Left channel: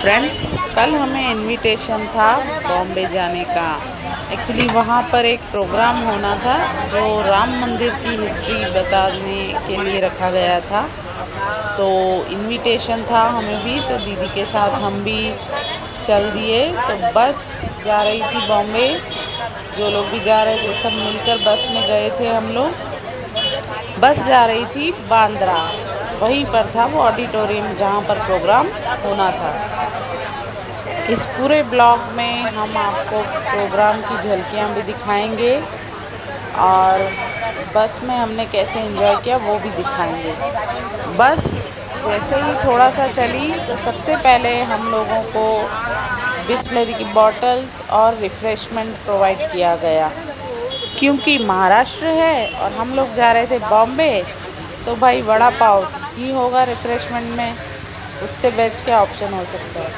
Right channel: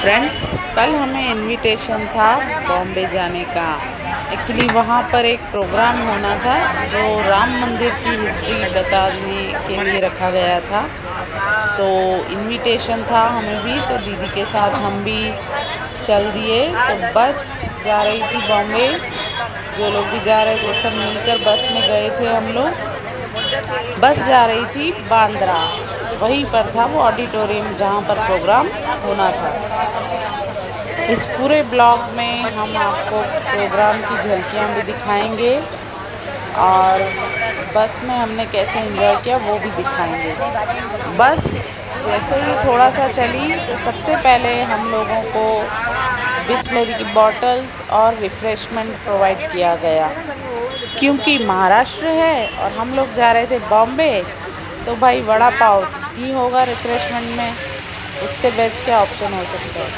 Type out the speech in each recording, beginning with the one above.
Friends, कल हमें invitation था बॉम्बे जाने का। एक्चुअली वहाँ पर एक प्रोग्राम होना था जो राम मंदिर की हिस्ट्री बताने के लिए रखा गया था। तो इनविटेशन था हमें भी, तो दीदी के साथ हम भी चल दिए। तो बस जा रही थी बॉम्बे, जो लोग भी जा रहे थे सब मिलकर बस में गए थे हम लोग। बस जा रही थी बांद्रा, वहीं पर था वो ऑडिटोरियम जहाँ पर प्रोग्राम होना था। इस पूरे ब्लॉग में हम आपको प्रोग्राम की झलकियाँ भी दिखाएंगे और बस में हमने कैसे एंजॉय किया वो भी दिखाएंगे। बस जैसे ही थोड़ा सा चली तो सबसे पहले हम लोगों को बिस्लरी की बॉटल्स और रिफ़्रेशमेंट प्रोवाइड किया गया। क्योंकि महाराष्ट्र है और हम लोग जा रहे थे बॉम्बे, तो भाई वड़ा पाव ही होगा रिफ़्रेशमेंट में, उससे बेस्ट क्या ऑप्शन हो सकता है।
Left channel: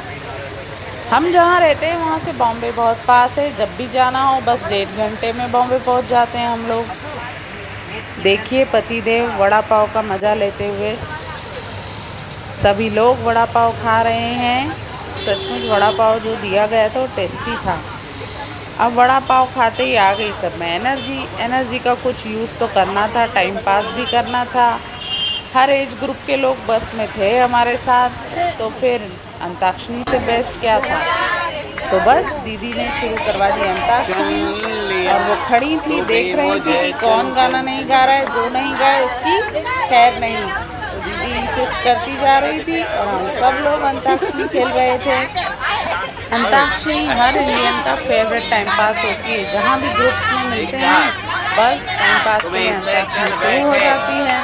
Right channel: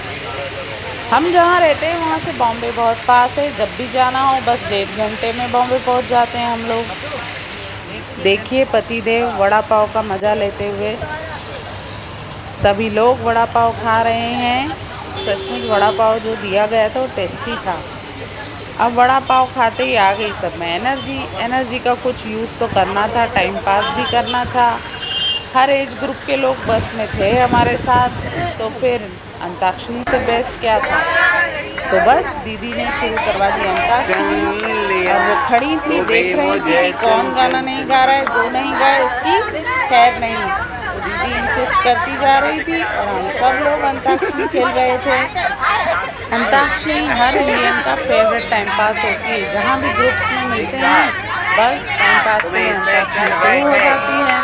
हम जहाँ रहते हैं वहाँ से बॉम्बे बहुत पास है, जब भी जाना हो बस 1.5 घंटे में बॉम्बे पहुँच जाते हैं हम लोग। देखिए पतिदेव वड़ा पाव का मज़ा लेते हुए, सभी लोग वड़ा पाव खा रहे हैं। सचमुच वड़ा पाव जो दिया गया था वो टेस्टी था। अब वड़ा पाव खाते ही आ गई सब में एनर्जी का कुछ यूज़ तो करना था, टाइम पास भी करना था। हर एज ग्रुप के लोग बस में थे हमारे साथ, तो फिर अंताक्षरी से बेस्ट क्या था। तो बस दीदी ने शुरू करवा दी अंताक्षरी और वो खड़ी थी देख रही थी कि कौन गाना नहीं गा रहा है, जो नहीं गाए उसकी खैर नहीं। तो दीदी इंसिस्ट करती जा रही थी और हम सब लोग अंताक्षरी खेल रहे थे। अंताक्षरी हर इंडियन का फेवरेट टाइम पास होती है। जहाँ भी ग्रुप्स में मिलते हैं बस टाइम पास के लिए अंताक्षरी शुरू हो जाती है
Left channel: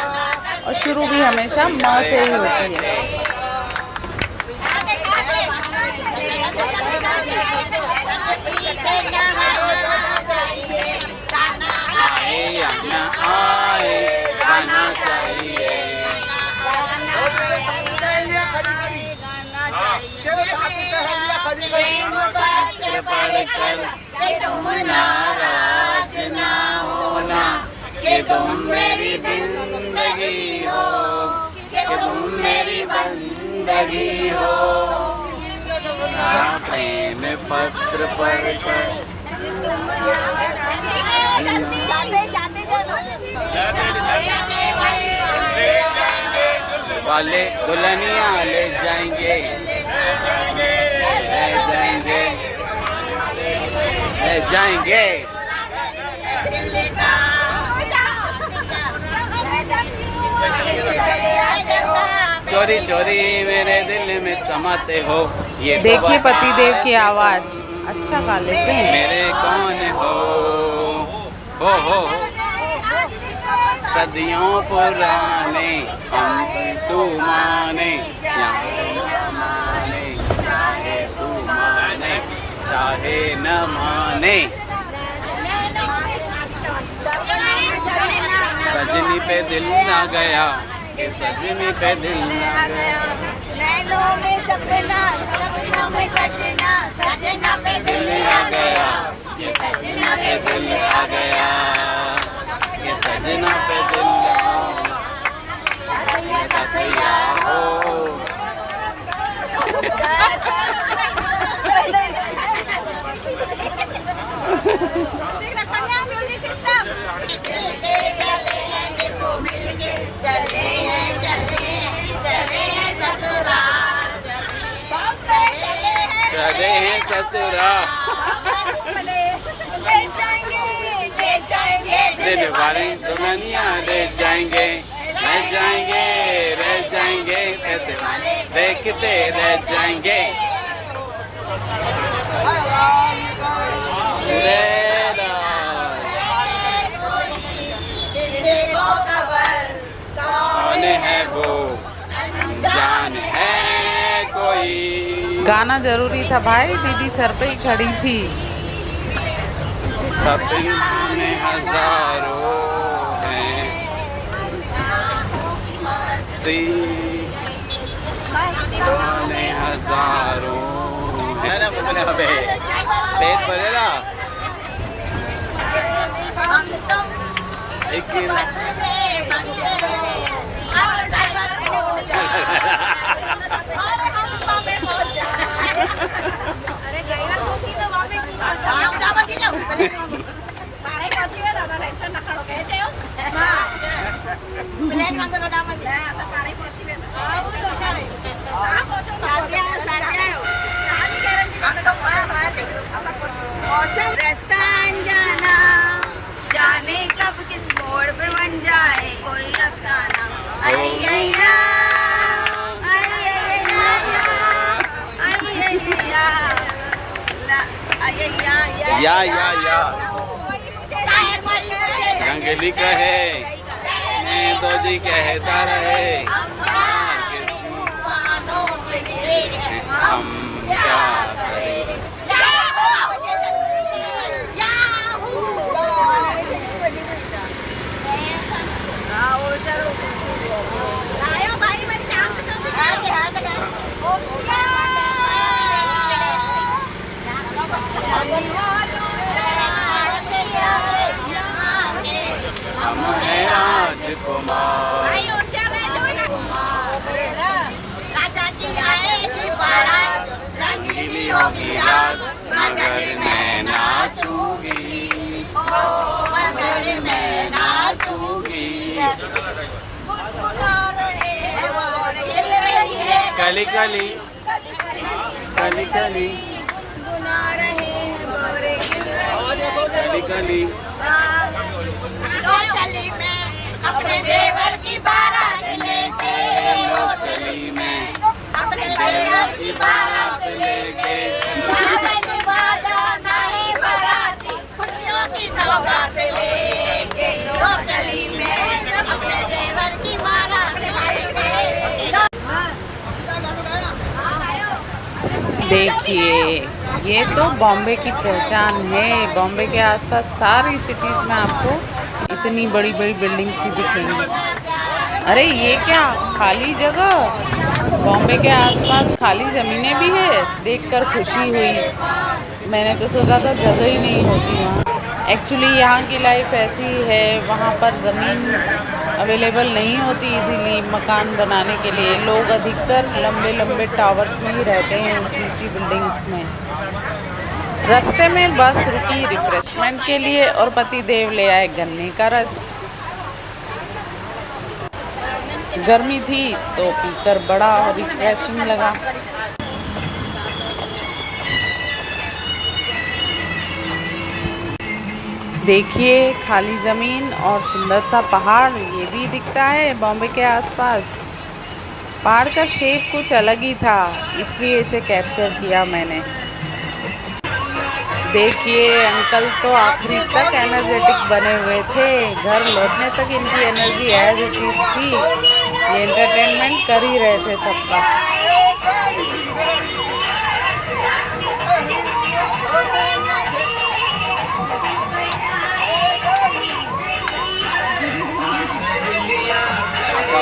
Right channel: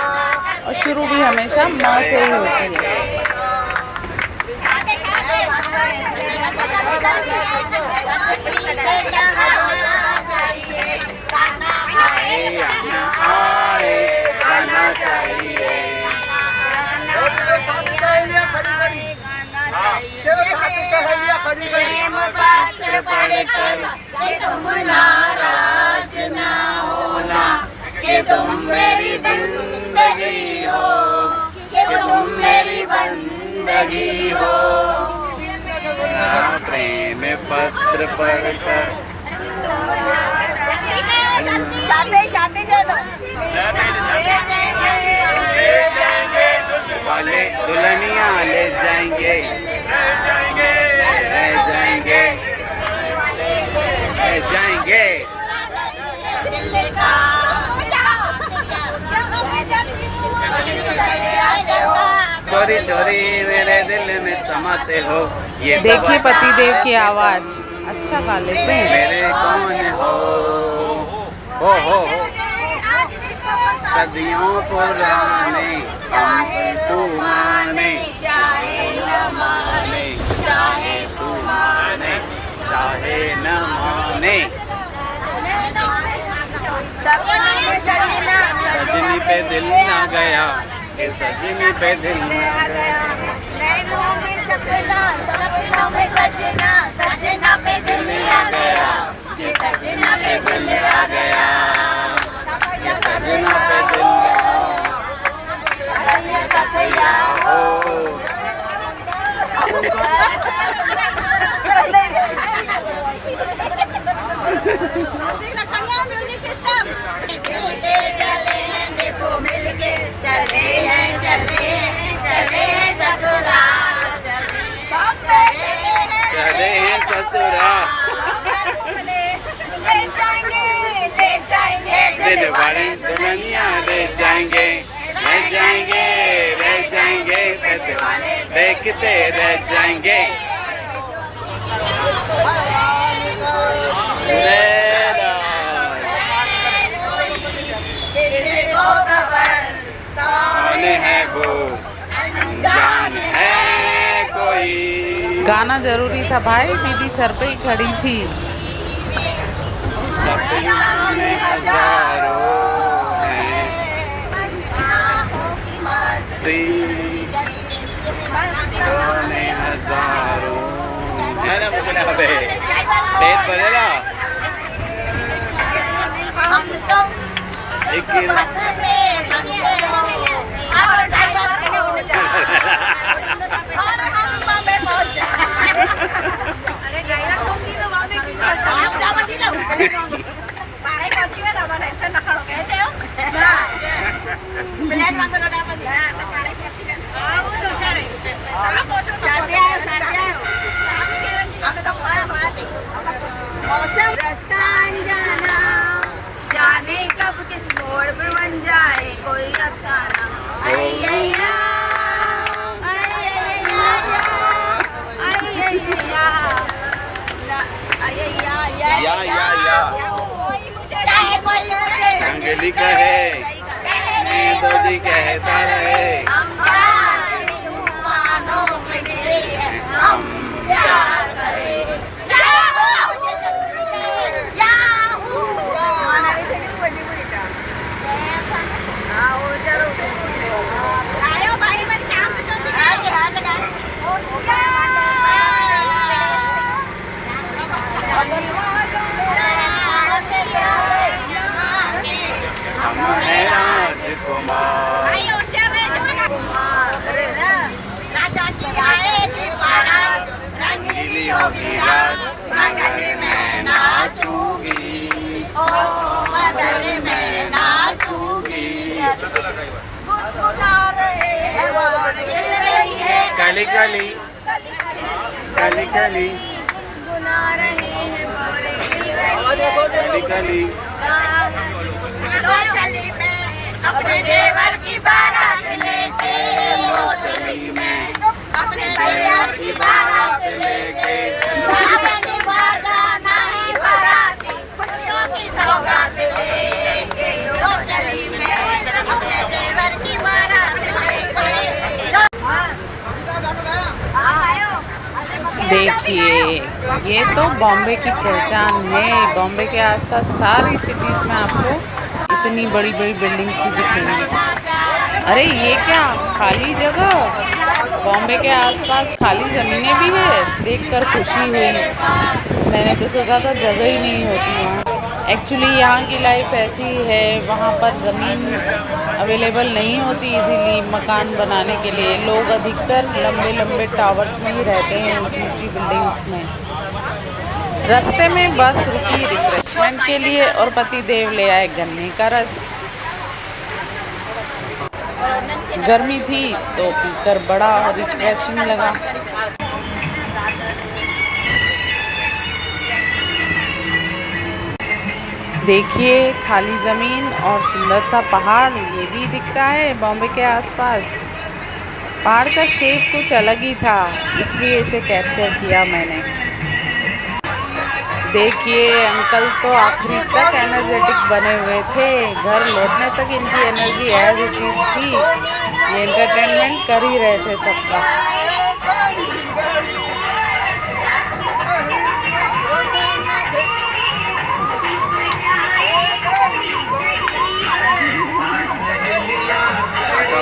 और शुरू भी हमेशा माँ से ही होती है। आए या ना आए गाना चाहिए। पत्र पढ़कर तुम नाराज ना होना कि तुम मेरी जिंदगी हो, कि तुम मेरी बंदगी हो। प्रेम पत्र पढ़कर वाले दुल्हनिया ले जाएंगे, ले जाएंगे, ले जाएंगे। चोरी चोरी मेरे दिल में समाते हो। ये देखिए पतिदेव की आवाज अच्छा गा लेते हैं। मेरे कौन हो सदियों पुराने हम तू माने चाहे न माने, चाहे तू माने चाहे न माने। सजनी पे दिल ना गया, ये सजनी पे दिल ना गया। नैनों में सपना, सपनों में सजना, सजना पे दिल आ गया, ये सजना पे दिल आ गया, ये सजना पे दिल हो। चले हैं ससुराल, दिल वाले दुल्हनिया ले जाएंगे, ले जाएंगे, ले जाएंगे, ऐसे देखते रह जाएंगे। कौन है वो अनजान है कोई। गाना जरूरी था भाई, दीदी सर पे ही खड़ी थी। सपने हजारों हैं, सपने हजारों है ना। मुझे ना बे पेट भरेगा। एक या रंगली कहे मैं तो जी कहता रहे हम क्या करें। हम हैं राजकुमार रंगीली होगी रात मगर मैं नाचूंगी मगर मैं नाचूंगी। कली कली कली कली कली कली चली मैं अपने देवर की बारात लेके लो चली मैं अपने देवर की बारात लेके वादा नहीं बारात खुशियों की सौगात लेके लो चली मैं अपने देवर की बारात लेके। देखिए, ये तो बॉम्बे की पहचान है। बॉम्बे के आसपास सारी सिटीज़ में आपको इतनी बड़ी बड़ी बिल्डिंग्स ही दिखेंगी। अरे ये क्या खाली जगह, बॉम्बे के आसपास खाली ज़मीनें भी है, देखकर खुशी हुई। मैंने तो सोचा था जगह ही नहीं होती वहाँ। एक्चुअली यहाँ की लाइफ ऐसी है, वहाँ पर ज़मीन अवेलेबल नहीं होती इजीली मकान बनाने के लिए। लोग अधिकतर लंबे लंबे टावर्स में ही रहते हैं, ऊंची ऊंची बिल्डिंग्स में। रास्ते में बस रुकी रिफ्रेशमेंट के लिए और पति देव ले आए गन्ने का रस। गर्मी थी तो पीकर बड़ा रिफ्रेशिंग लगा। देखिए खाली ज़मीन और सुंदर सा पहाड़, ये भी दिखता है बॉम्बे के आसपास। पहाड़ का शेप कुछ अलग ही था, इसलिए इसे कैप्चर किया मैंने। देखिए अंकल तो आखिरी तक एनर्जेटिक बने हुए थे। घर लौटने तक इनकी एनर्जी एज इट इज थी। ये एंटरटेनमेंट कर ही रहे थे सबका।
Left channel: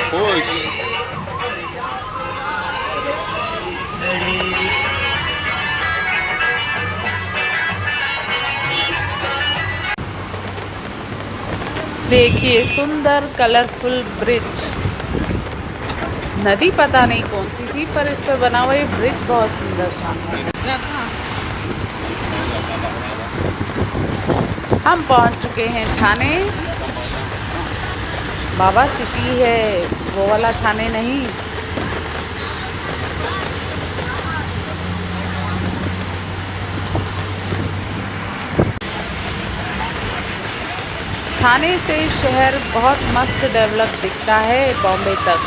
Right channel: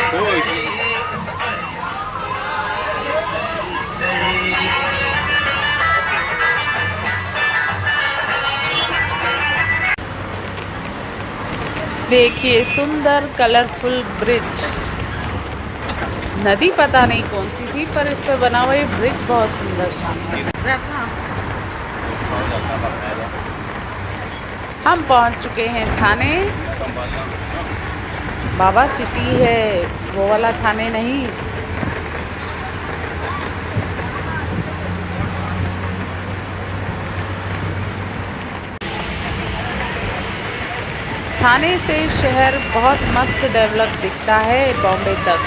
खुश देखिए सुंदर कलरफुल ब्रिज। नदी पता नहीं कौन सी थी, पर इस पे बना हुआ ये ब्रिज बहुत सुंदर था। हम पहुंच चुके हैं थाने। बाबा सिटी है, वो वाला थाने नहीं। थाने से शहर बहुत मस्त डेवलप दिखता है बॉम्बे तक।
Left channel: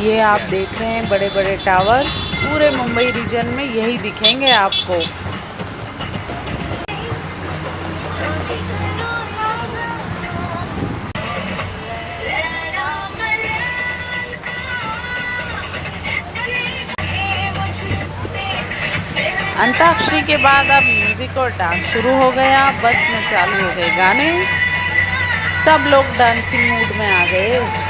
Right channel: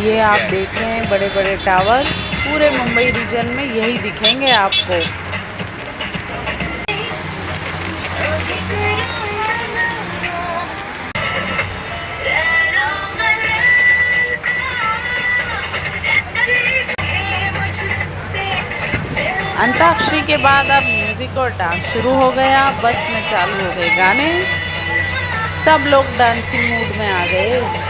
ये आप देख रहे हैं बड़े बड़े टावर्स, पूरे मुंबई रीजन में यही दिखेंगे आपको। अंताक्षरी के बाद अब म्यूजिक और डांस शुरू हो गया। बस में चालू हो गए गाने, सब लोग डांसिंग मूड में आ गए।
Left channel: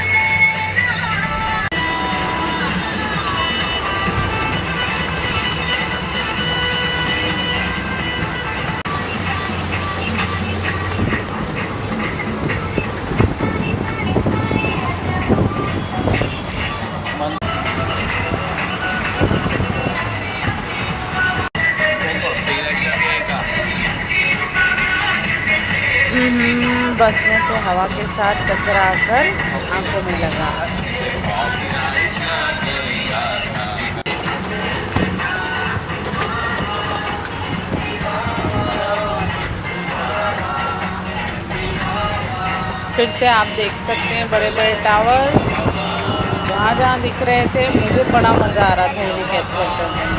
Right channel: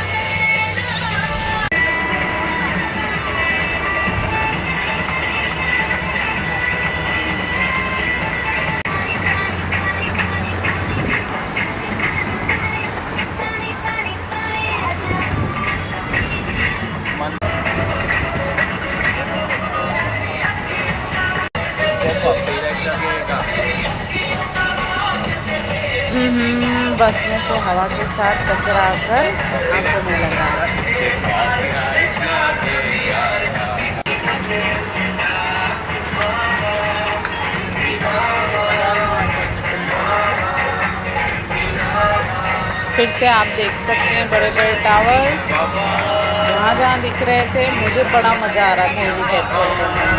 बस में से हवा के साथ कचरा आकर आंखों में लगा। फिर से आप देख सकते हैं बड़े बड़े टावर्स, जहाँ जहाँ दिख रहे थे मुझे बड़ा मज़ा आ रहा था इन्हें कैप्चर करने में।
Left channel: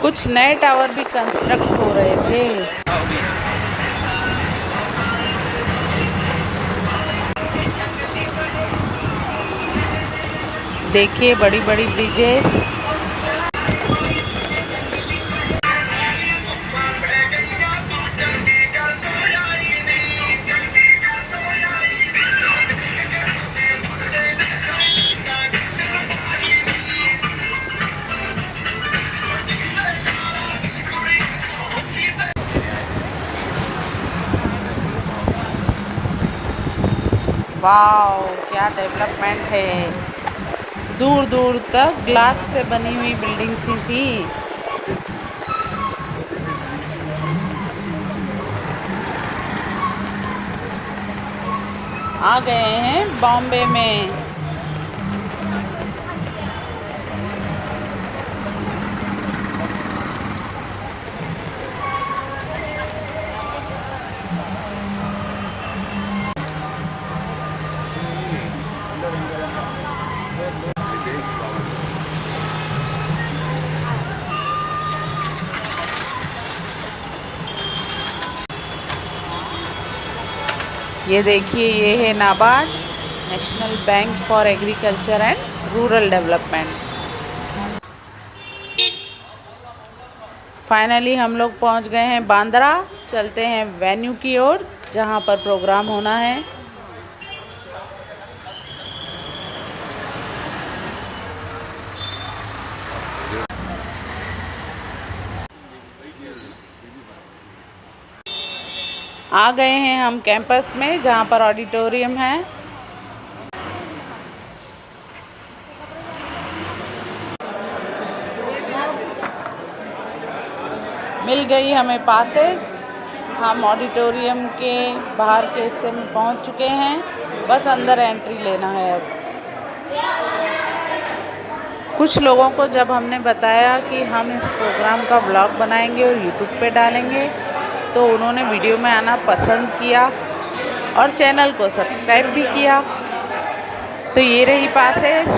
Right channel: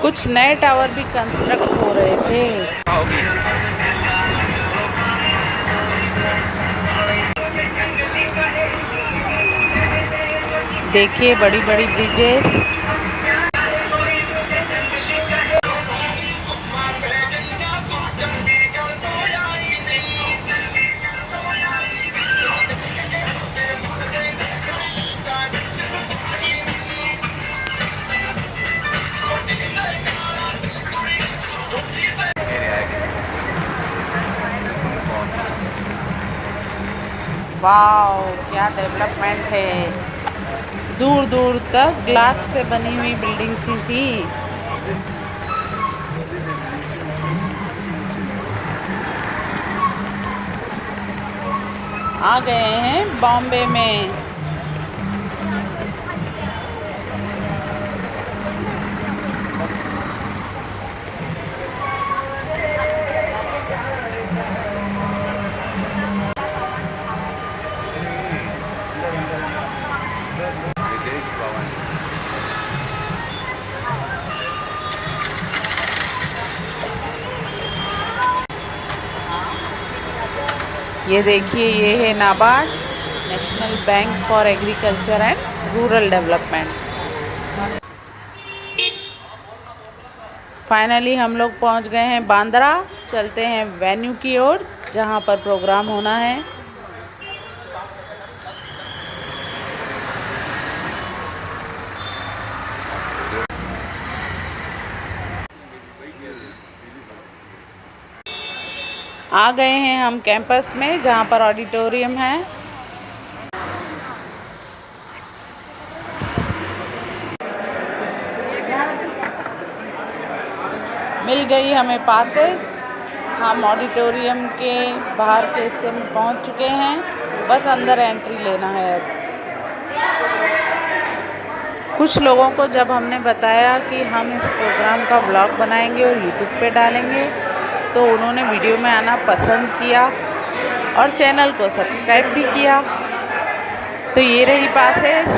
कुछ नए टावर भी कंस्ट्रक्ट हो रहे थे। देखिए बड़ी बड़ी ब्रिजेस। वाओ, क्या डेवलपमेंट है। दूर दूर तक ग्लास से बनी हुई बिल्डिंग्स ही थी। आ गए हैं बॉम्बे में। ये देखिए, ये है NABARD, national bank for agriculture and rural development. Finally हम लोग पहुंच गए हैं बांद्रा। चलते हैं वेन्यू की ओर जहां पर प्रोग्राम होना है। आ गए हैं हम कैंपस में जहां पर ऑडिटोरियम है। मिल गई हमें पासेस। हम ऑडिटोरियम के बाहर के हिस्से में पहुंच चुके हैं, बस अंदर एंट्री लेना है अब। कुछ लोगों को जब हमने बताया कि हम इस प्रोग्राम का व्लॉग बनाएंगे और यूट्यूब पे डालेंगे, तो उन्होंने वीडियो में आना पसंद किया और चैनल को सब्सक्राइब भी किया। तो ये रही पासेस।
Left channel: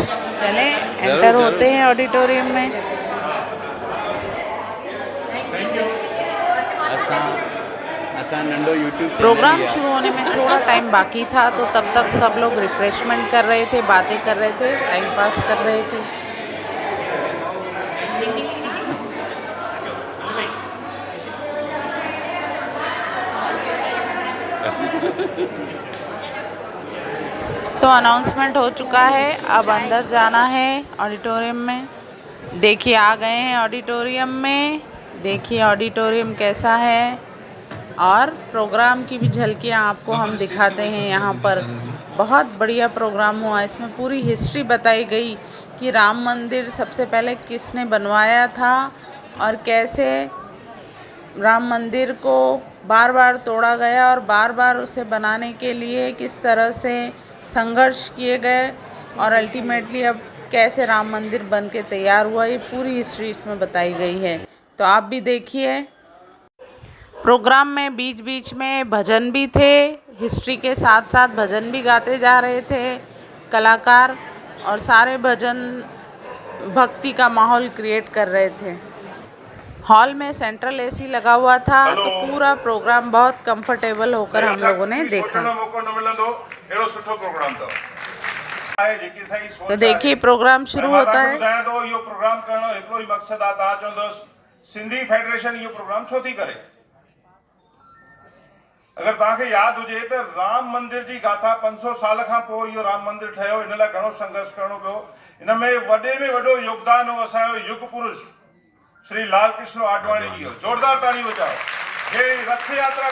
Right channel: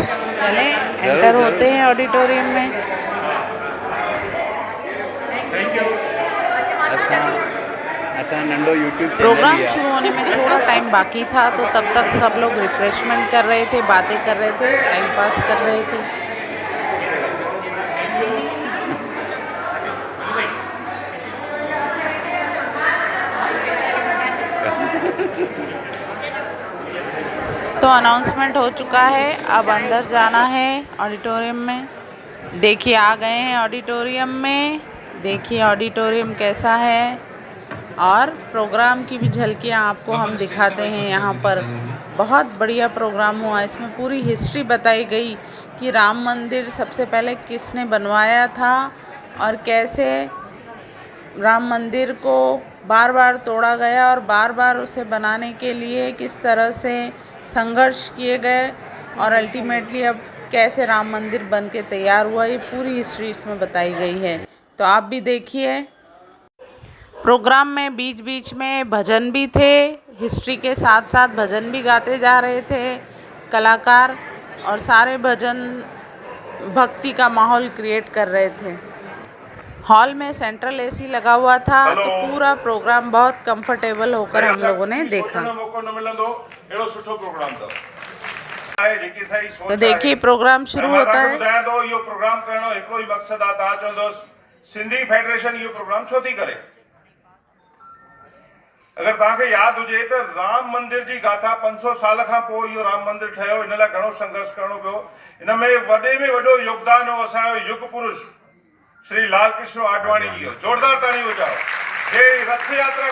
चलें एंटर होते हैं ऑडिटोरियम में। प्रोग्राम शुरू होने में थोड़ा टाइम बाकी था, तो तब तक सब लोग रिफ्रेशमेंट कर रहे थे, बातें कर रहे थे, टाइम पास कर रहे थे। तो अनाउंसमेंट हो चुका है, अब अंदर जाना है ऑडिटोरियम में। देखिए आ गए हैं ऑडिटोरियम में। देखिए ऑडिटोरियम कैसा है और प्रोग्राम की भी झलकियाँ आपको हम दिखाते हैं। यहाँ पर बहुत बढ़िया प्रोग्राम हुआ। इसमें पूरी हिस्ट्री बताई गई कि राम मंदिर सबसे पहले किसने बनवाया था और कैसे राम मंदिर को बार बार तोड़ा गया और बार बार उसे बनाने के लिए किस तरह से संघर्ष किए गए और अल्टीमेटली अब कैसे राम मंदिर बन के तैयार हुआ। ये पूरी हिस्ट्री इसमें बताई गई है, तो आप भी देखिए। प्रोग्राम में बीच बीच में भजन भी थे। हिस्ट्री के साथ साथ भजन भी गाते जा रहे थे कलाकार, और सारे भजन भक्ति का माहौल क्रिएट कर रहे थे। हॉल में सेंट्रल एसी लगा हुआ था, तो पूरा प्रोग्राम बहुत कंफर्टेबल होकर हम लोगों ने देखा। तो देखिए प्रोग्राम शुरू होता है। सिंधी फेडरेशन यो प्रोग्राम छो थी करे। अगर तव्हांखे यादि हुजे त राम मंदिर जी गाथा 500 साल खां पोइ इहो राम मंदिर ठहियो। इन लाइ घणो संघर्ष करणो पियो। इन में वॾो योगदान हो असांजो युग पुरुष श्री लाल कृष्ण आडवाणी जी। जोरदार ताली बजाओ। हे रथ यात्रा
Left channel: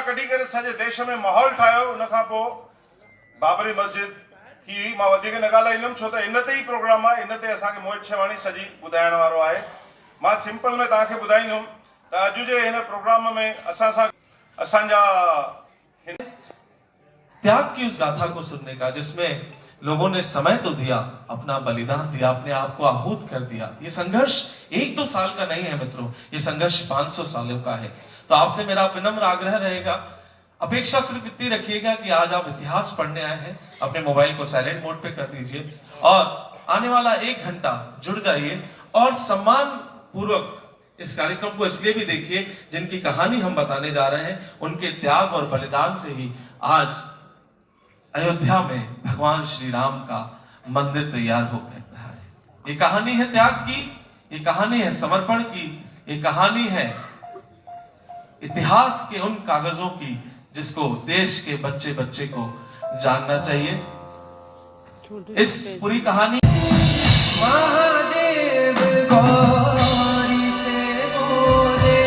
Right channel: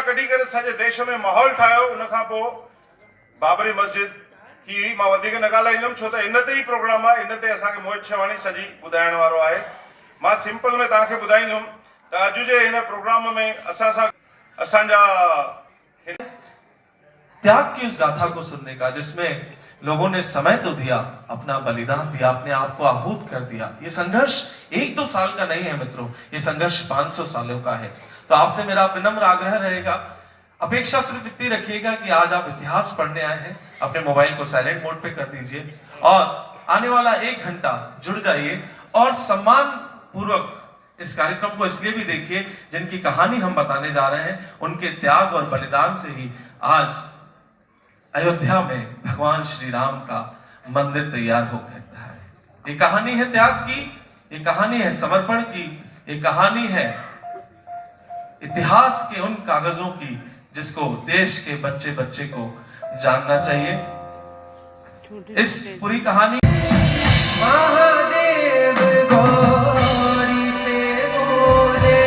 कढी करे सॼे देश में माहौल ठाहियो। उन खां पोइ बाबरी मस्जिद की मां वधीक न ॻाल्हाईंदुमि, छो त इन ते ई प्रोग्राम आहे। इन ते असांखे मोहित शेवाणी सॼी ॿुधाइण वारो आहे। मां सिंपल में तव्हांखे ॿुधाईंदुमि त अॼु जे हिन प्रोग्राम में असां सां असांजा त्याग की उस गाथा को सुनने का, जिसमें लोगों ने समय तो दिया, अपना बलिदान दिया, अपने आप को आहूत कर दिया। ये संघर्ष 1-2 साल का नहीं है मित्रों, ये संघर्ष 500 सालों का है। तो आपसे मेरा विनम्र आग्रह रहेगा, अपेक्षा सिर्फ इतनी रखिएगा कि आज आप इतिहास पढ़ने आए हैं, अपने मोबाइल को साइलेंट मोड पे कर दीजिए और आने वाला 1 घंटा जुड़ जाइए और सम्मान पूर्वक इस कार्यक्रम को इसलिए भी देखिए, जिनकी कहानी हम बताने जा रहे हैं, उनके त्याग और बलिदान से ही आज अयोध्या में भगवान श्री राम का मंदिर तैयार होकर रहा है। ये कहानी है त्याग की, ये कहानी है समर्पण की, ये कहानी है इतिहास के उन कागजों की जिसको देश के बच्चे बच्चे को जानना चाहिए। इस पूरी कहानी महादेव गौरी से बोले,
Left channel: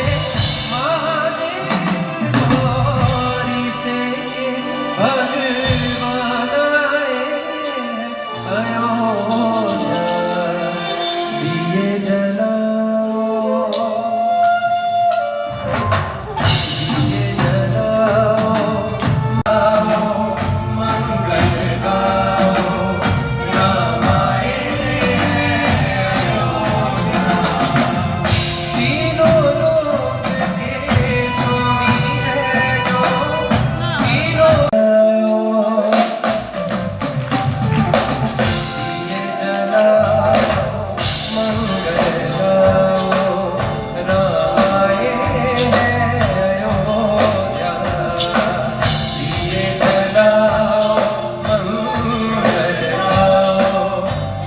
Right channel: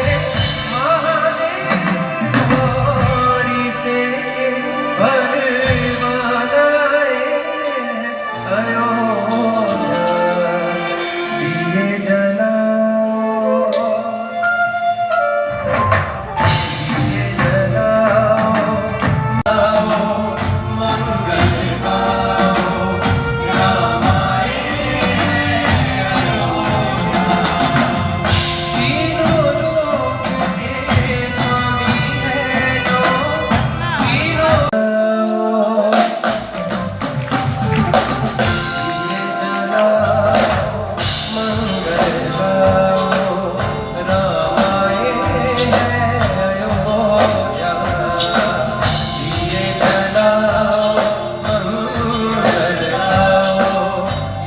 महादेव गौरी से भगवान आए अयोध्या, दिए जलाओ, दिए जलाओ, मंगल गाओ, राम आए अयोध्या, तीनों लोक के स्वामी है जो, तीनों दिए जलाओ, मंगल गाओ, राम आए अयोध्या, दिए जलाओ, मंगल गाओ,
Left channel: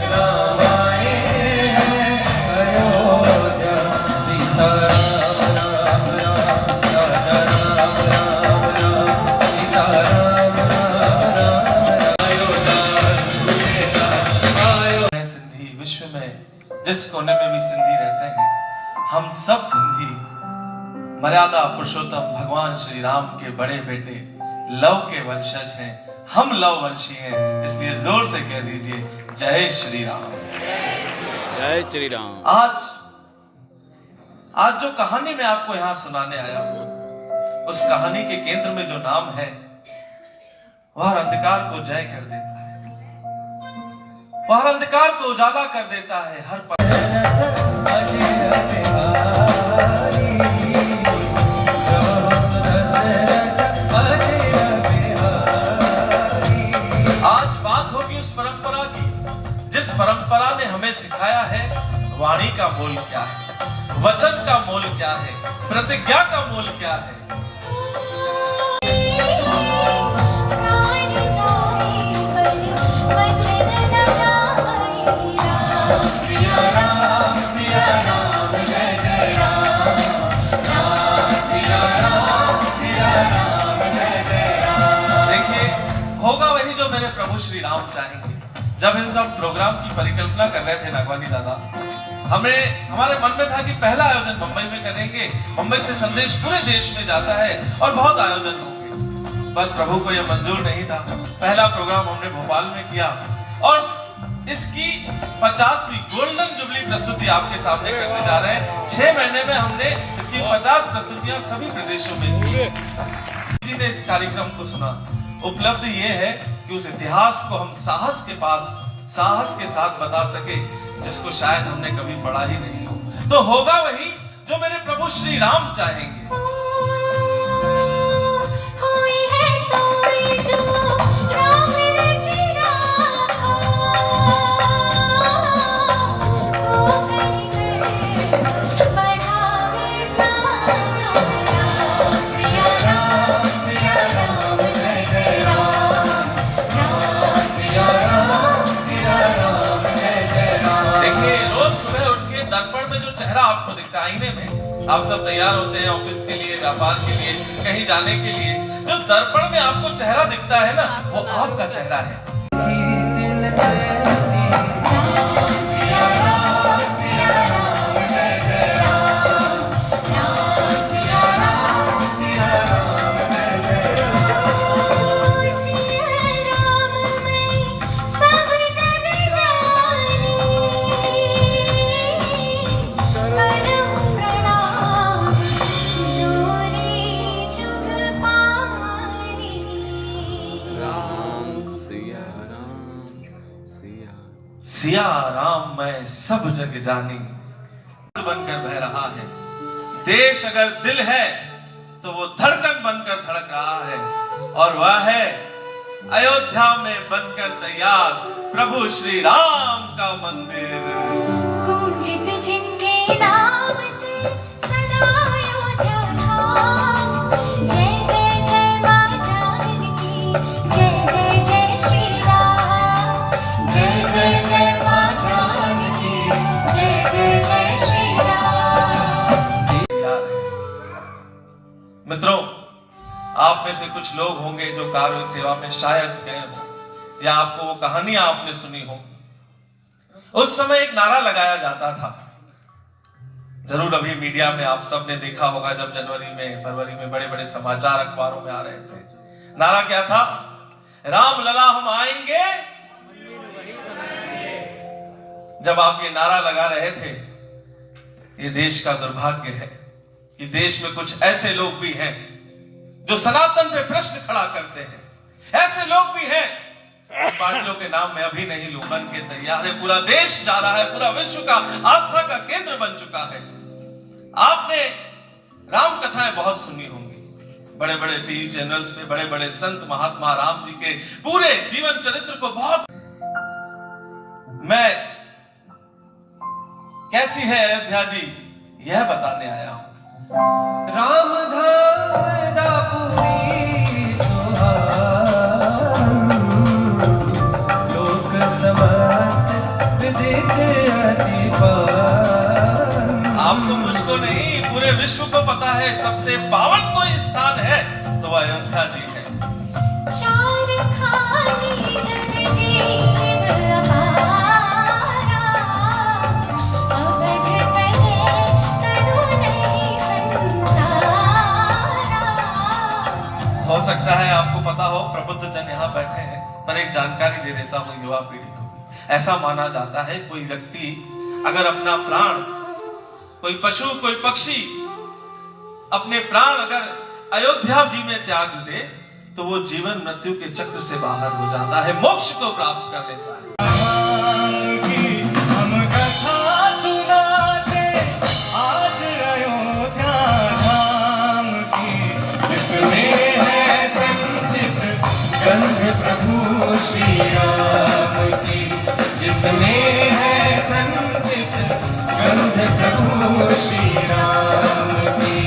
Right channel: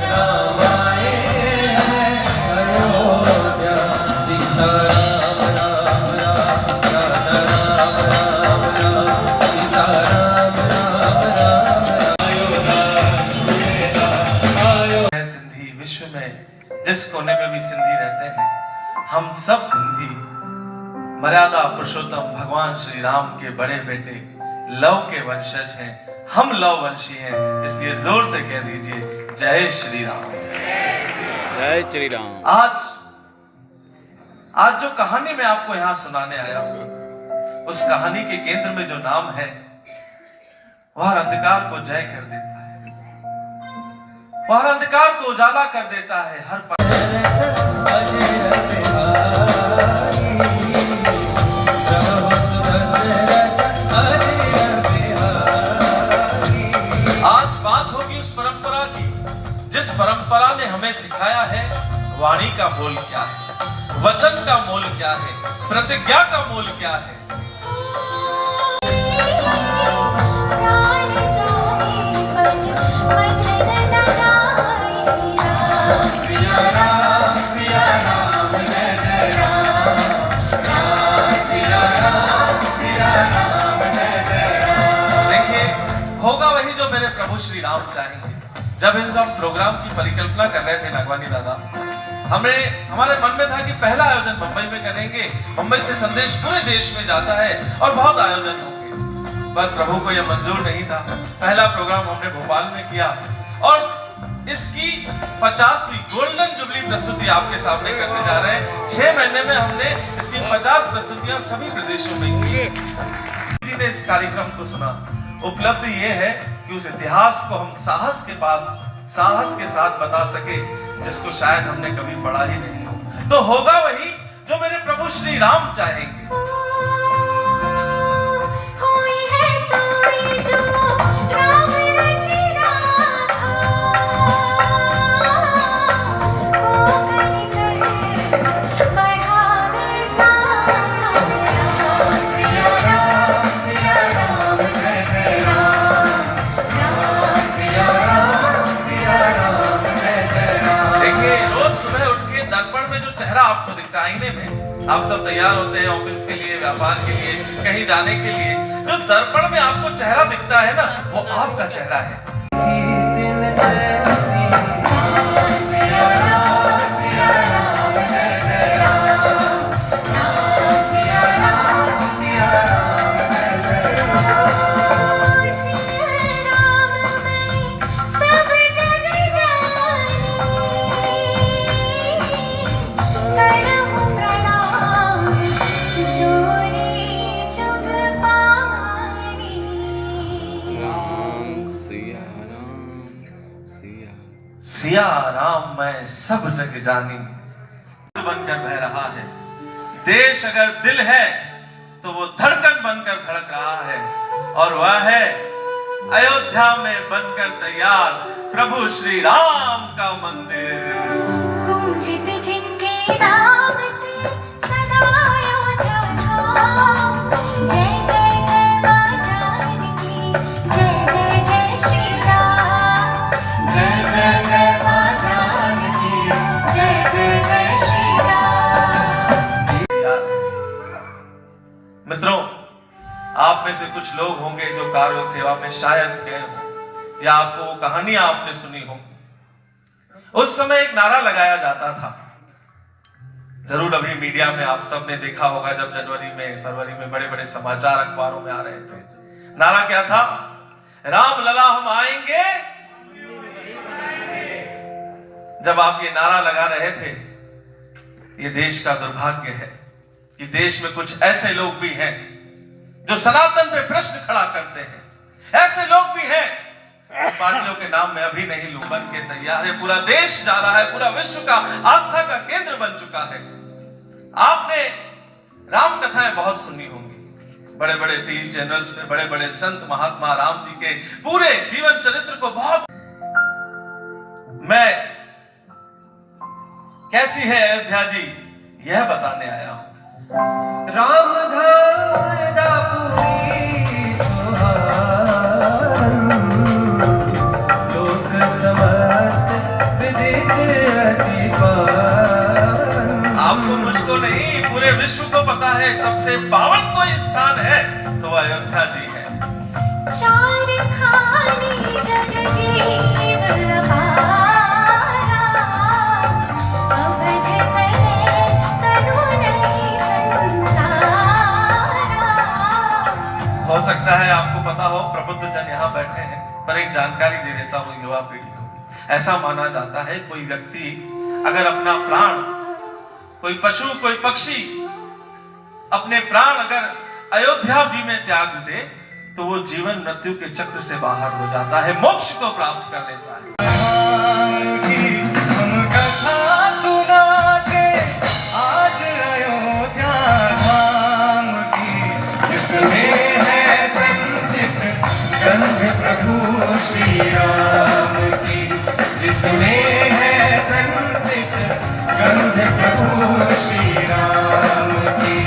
राम आए अयोध्या, सीता राम राम राजा राम राम राम, सीता राम राम राम है सिंधी। विश्व में जिस कोने में भी सिंधी रहते हैं, हम सब सिंधी मर्यादा पुरुषोत्तम भगवान श्री राम के बड़े बेटे लव के वंशज हैं, हम लव वंशी हैं। इसलिए जोर से कह दीजिए जय श्री राम। जय श्री राम। आज जो कहानी मैं आपको यहां सुनाने आया हूं, उस कहानी के केंद्र में जो नाम है, वह अंधकार को जय कर देता है, वह अंधकार को उजाला कर देता है। हर पल आज बात होगी उस परंपरा की, जिस परंपरा ने हमें सिखाया है वाणी का मोल क्या है, वचन का मोल क्या है, प्रतिज्ञा का मोल क्या है। प्राण जाए पर वचन न जाए, राम सिया राम जय जय राम, राम सिया राम जय जय राम। देखिए, होगा वही जो मेरे प्रभु श्री राम चाहेंगे। जब इन सब प्रोग्राम की परिकल्पना कर रहे थे नागवानी दादा, हमारे मन में था कि पहला आयोजन मुंबई में करेंगे, मुंबई से संदेश पूरे देश में जाता है और बहुत आयोजन होंगे, पर प्रभु को यह मंजूर नहीं था। पहला प्रोग्राम हमने भोपाल में किया और इसकी 50वीं गोल्डन जुबली प्रस्तुति आपके सामने करने जा रहे हैं। 6 महीने में हमने इसकी 50 प्रस्तुतियां सभी प्रदेशों में की। जी ने इस कार्यक्रम को सुना, उपलब्धि ये है कि उस इतिहास को हम साहस के साथ बता सके, जिसको शायद हमने कभी पढ़ा ही नहीं हो। तो होगा वही जो मेरे प्रभु श्री राम चाहेंगे। होई है सोई जो राम रचिना था, को कर बढ़ावे साखा, सिया राम जय जय राम, राम सिया राम जय जय राम। देखिए, रोज सुबह उठ के दर्पण में जो चेहरा आपको दिखता है आईने में, आप सब तैयार होते हैं ऑफिस के लिए, व्यापार के लिए, कहीं जाने के लिए, जो दर्पण में आपको चेहरा दिखता है ना, वो आपका चेहरा है। सिया राम जय जय राम, राम सिया राम जय जय राम। सिया राम में सब जग जानी, करहु प्रणाम जोरी जुग पानी। सिया राम मैं सब जग जानी बनकर बह रहा है। देश अगर दिल है तो वो धड़कन बनकर धड़क रहा है, और वह है अयोध्या में बनकर तैयार प्रभु श्री राम का मंदिर। कुंजित जिनके नाम से सदा अयोध्या धाम, जय जय जय मां जानकी, जय जय जय श्री राम, जय जय जय मां जानकी, जय जय जय श्री राम। मित्रों, आप में से कुछ लोग होंगे जो कार्य सेवा में शायद गए हो, या आपको वो कहानियां आपने सुनी हो। उस समय एक नारा लगाया जाता था, जरूर अभी मीडिया में आप सब ने देखा होगा, जब जनवरी में फरवरी में बड़े बड़े समाचार अखबारों में आ रहे थे। नारा क्या था? राम लला हम आएंगे। जब आप ये नारा लगा रहे थे, ये देश का दुर्भाग्य है कि देश में कुछ ऐसे लोग भी हैं जो सनातन पे प्रश्न खड़ा करते हैं। ऐसे लोग भी हैं, पार्टियों के नाम में अभी नहीं लूं, बन के तैयार है। पूरा देश जा रहा है, पूरा विश्व का आस्था का केंद्र बन चुका है। आपने राम कथाएं बहुत सुनी होंगी, बड़े बड़े टीवी चैनल्स पे बड़े बड़े संत महात्मा राम जी के पूरे जीवन चरित्र को बहुत। मैं कैसी है अयोध्या जी, यह बताने आया हूं। राम धाम दापुरी सुहान, लोक समस्त विदित अति पावन। आपको मुझको नहीं, पूरे विश्व को पता है सबसे पावन कोई स्थान है तो अयोध्या जी है। चार खानी जग जीव अपारा, अवध तजय तनु नहीं संसारा। हो सकता है आपको पता हो, प्रबुद्ध जन यहाँ बैठे हैं, पर एक जानकारी दे देता हूँ युवा पीढ़ी को। ऐसा माना जाता है कोई व्यक्ति अगर अपना प्राण, कोई पशु कोई पक्षी अपने प्राण अगर अयोध्या जी में त्याग दे तो वो जीवन मृत्यु के चक्र से बाहर हो जाता है, मोक्ष को प्राप्त कर लेता है। हम कथा सुनाते आज अयोध्या धाम की, जिसमें है संचित गंध प्रभु श्री राम की, जिसमें है संचित गंध प्रभु श्री राम की।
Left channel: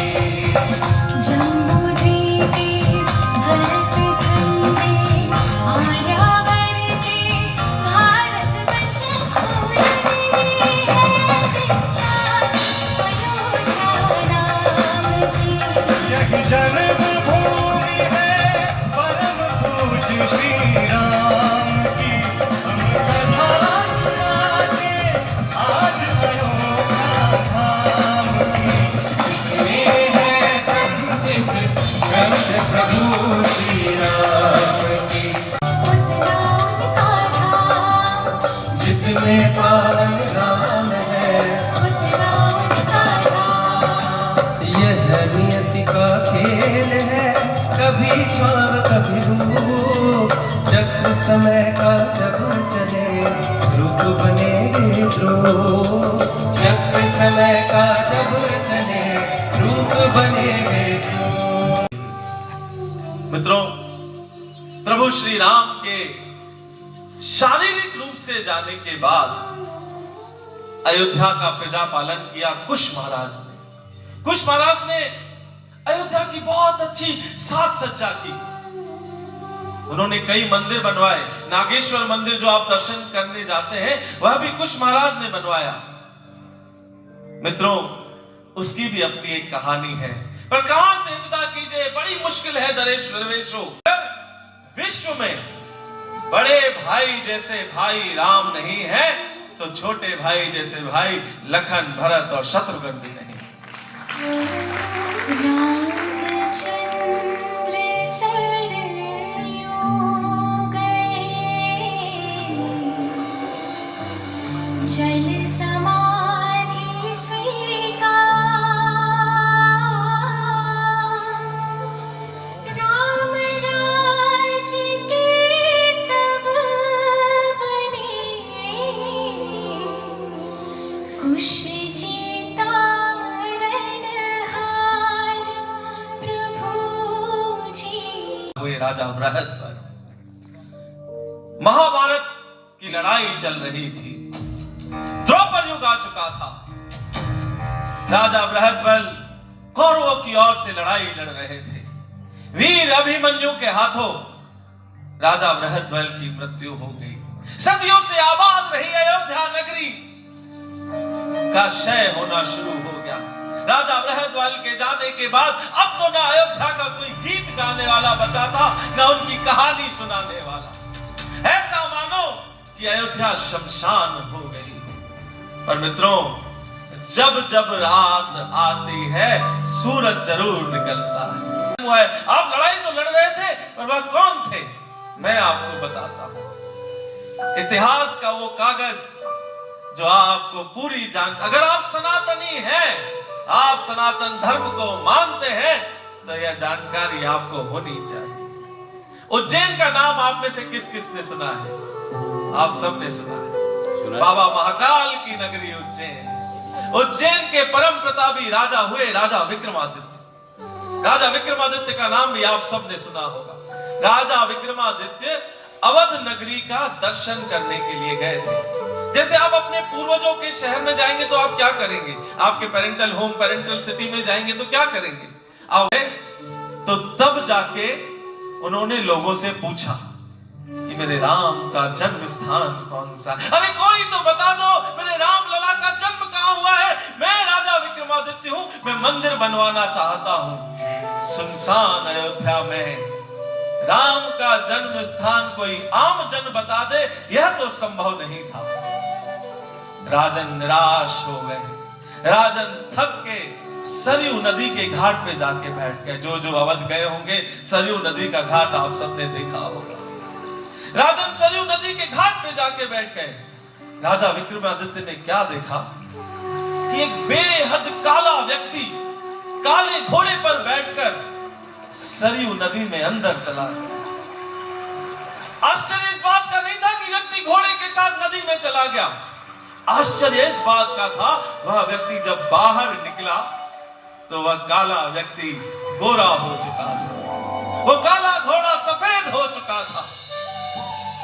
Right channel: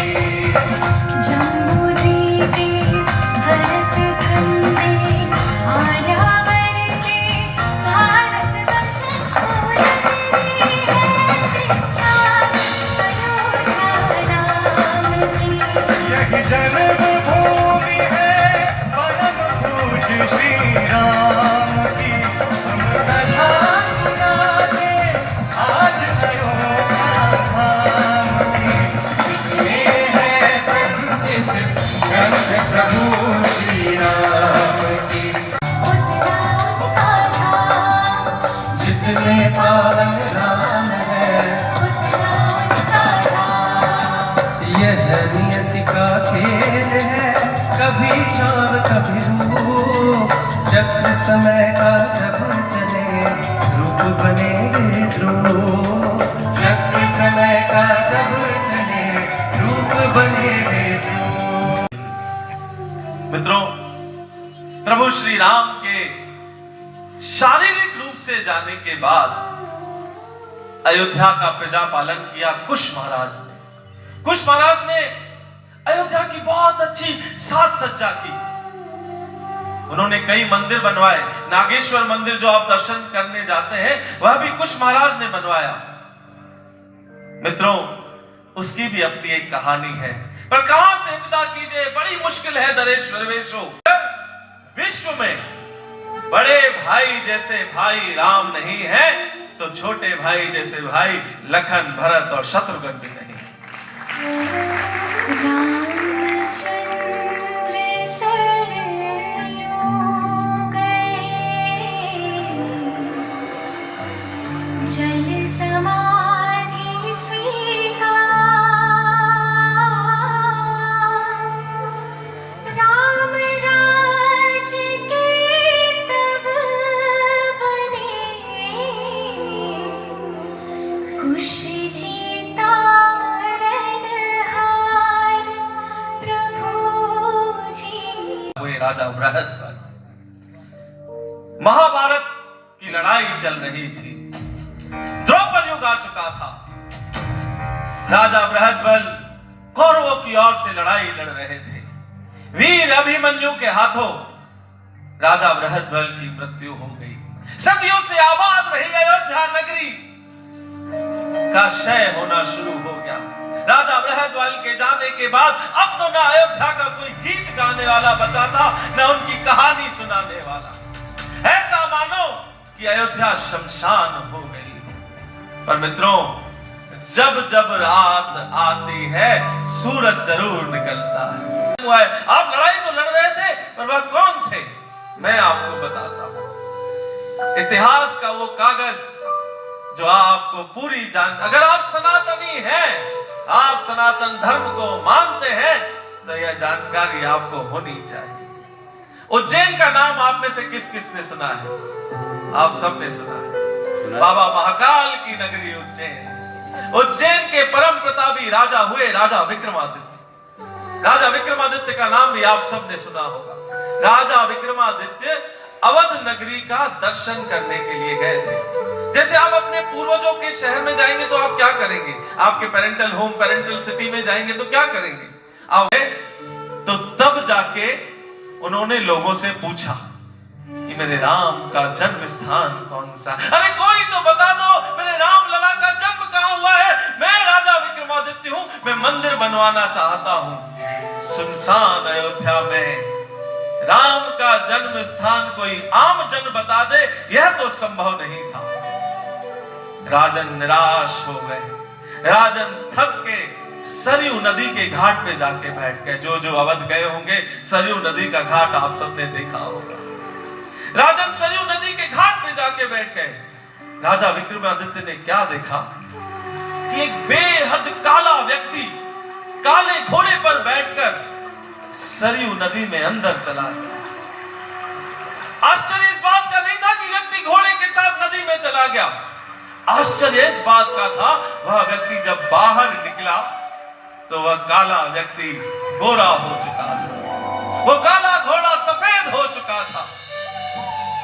जम्बूद्वीपे भरतखंडे आर्यावर्ते भारतवर्ष पूरने है विख्यात अयोध्या नाम की। यही जन्मभूमि है परम पूज्य श्री राम की, हम कथा सुनाते आज अयोध्या धाम की, जिसमें है संचित गंध प्रभु श्री राम की। उतना उनका धाम, जितने पावन राम है, उतना उनका धाम। यह नियति का खेल है, कभी छाव कभी धूप, चक्र समय का जब चले रूप बने ध्रुव, चक्र समय का जब चले रूप बने ध्रुव। मित्रों, प्रभु श्री राम के शारीरिक रूप से जाने के बाद अयोध्या का प्रजा पालन किया कुश महाराज ने। कुश महाराज ने अयोध्या की बहुत अच्छी साज सज्जा की। उन्होंने कई मंदिर बनवाए। नागेश्वर मंदिर जो आप दर्शन करने जाते हैं, वह भी कुश महाराज ने बनवाया। मित्रों, उसकी भी अपनी एक कहानी है, पर कहां से विदा कीजिए, बड़ी मुश्किल है दरेश दरवेशों। विश्व में बड़े भाई जैसे भाई राम नहीं है तो छोटे भाई जैसे भाई लखन भरत और शत्रुघ्न भी नहीं। रामचंद्र सरयू गए, जल समाधि स्वीकार। राम राज के तब बने, राजा बृहद्बल। महाभारत की लड़ाई चल रही थी, द्रौपद युग आ चुका था। राजा बृहद्बल कौरवों की ओर से लड़ाई लड़ रहे थे। वीर अभिमन्यु के हाथों राजा बृहद्बल की मृत्यु हो गई। सदियों से आबाद रही अयोध्या नगरी का क्षय होना शुरू हो गया। राजा बृहद्बल के जाने के बाद अब तो ना अयोध्या का कोई गीत गाने वाला बचा था, ना उनकी कहानी सुनाने वाला। ऐसा मानो कि अयोध्या शमशान हो गई। पर मित्रों, जब जब रात आती है सूरज जरूर निकलता है। आप लड़ाई तो लड़ रहे थे, पर वह कौन थे मैं आपको बताता हूं। इतिहास का वो कागज जो आपको पूरी अगर आप सनातनी हैं, आप सनातन धर्म को मानते हैं, तो यह जानकारी आपको होनी चाहिए। उज्जैन का नाम आप में से किस किस ने सुना है? आप सब ने सुना है। बाबा महाकाल की नगरी उज्जैन। उज्जैन के परम प्रतापी राजा हुए राजा विक्रमादित्य। राजा विक्रमादित्य का नाम भी आप सब ने सुना होगा। राजा विक्रमादित्य अवध नगरी का दर्शन करने के लिए गए थे। जैसे आप अपने पूर्वजों के शहर में जाएंगे तो आप क्या करेंगे? आपके पेरेंटल होम, पेरेंटल सिटी में जाएंगे तो क्या करेंगे? आप तो तब जाके उन्होंने लोगों से पूछा कि मेरे राम का जन्म स्थान कौन सा? अरे कोई तो बता दो, मेरे राम लला का जन्म कहां हुआ है? मैं राजा विक्रमादित्य हूं, मैं मंदिर बनवाना चाहता हूं। सुनसान अयोध्या में राम का जन्म स्थान कोई आम जन बता दे, यह तो संभव नहीं था। राजन निराश हो गए। राजन थक के सरयू नदी के घाट पे जाके बैठ गए। जो जो अवध गए होंगे, सरयू नदी का घाट आप सबने देखा होगा। राजन सरयू नदी के घाट पे जाके बैठ गए। राजा विक्रमादित्य ने क्या देखा कि एक बेहद काला व्यक्ति काले घोड़े पर बैठकर सरयू नदी में अंदर चला गया। आश्चर्य इस बात का नहीं था कि व्यक्ति घोड़े के साथ नदी में चला गया। आश्चर्य इस बात का था, वह व्यक्ति जब बाहर निकला तो वह काला व्यक्ति गोरा हो चुका था। वो काला घोड़ा सफेद हो चुका था।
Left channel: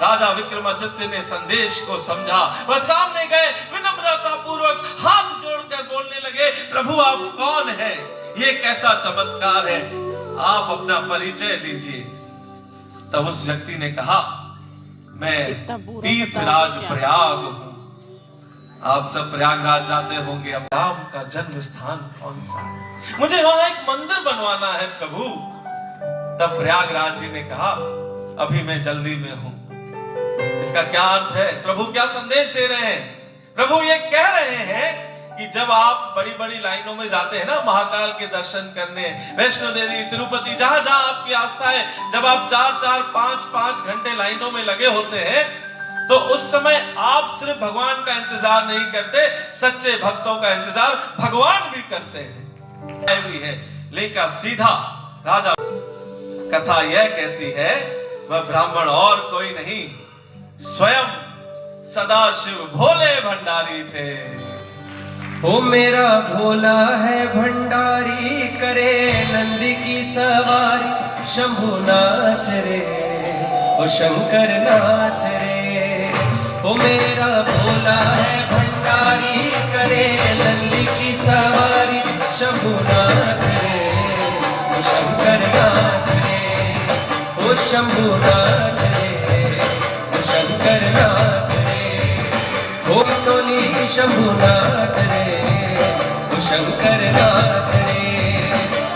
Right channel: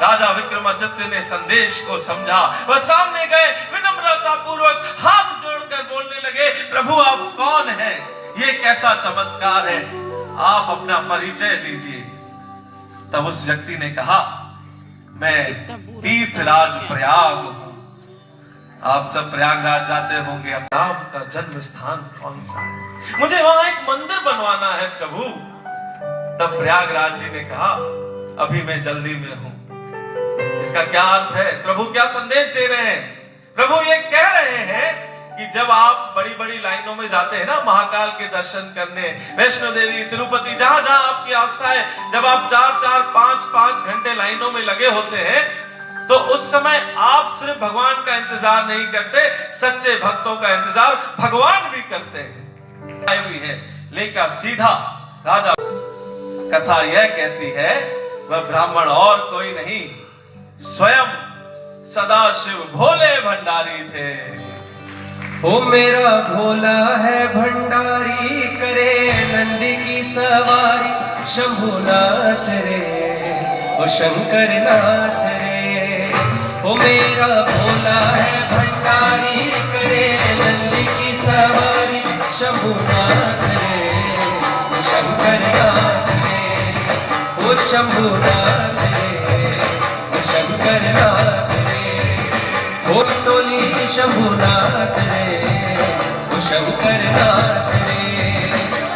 राजा विक्रमादित्य ने संदेश को समझा। वह सामने गए, विनम्रता पूर्वक हाथ जोड़कर बोलने लगे, प्रभु आप कौन हैं? ये कैसा चमत्कार है? आप अपना परिचय दीजिए। तब उस व्यक्ति ने कहा, मैं तीर्थराज प्रयाग हूं। आप सब प्रयागराज जाते होंगे। अब राम का जन्म स्थान कौन सा है? मुझे वहां एक मंदिर बनवाना है प्रभु। तब प्रयागराज जी ने कहा, अभी मैं जल्दी में हूं। इसका क्या अर्थ है? प्रभु क्या संदेश दे रहे हैं? प्रभु ये कह रहे हैं कि जब आप बड़ी बड़ी लाइनों में जाते हैं ना महाकाल के दर्शन करने, वैष्णो देवी, तिरुपति, जहां जहां आपकी आस्था है, जब आप 4-4, 5-5 घंटे लाइनों में लगे होते हैं, तो उस समय आप सिर्फ भगवान का इंतजार नहीं करते, सच्चे भक्तों का इंतजार भगवान भी करते हैं। भी है लेकर सीधा राजा। कथा यह कहती है, वह ब्राह्मण और कोई नहीं, स्वयं सदाशिव भोले भंडारी थे। ओ मेरा भोला है भंडारी, करे नंदी की सवारी, शंभुनाथ रे ओ शंकर नाथ रे। ओ मेरा भोला है भंडारी, करे नंदी की सवारी, शंभुनाथ रे ओ शंकर नाथ रे। ओ शंभुनाथ रे ओ शंकर नाथ रे। ओ टोली शंभुनाथ रे ओ शंकर नाथ रे।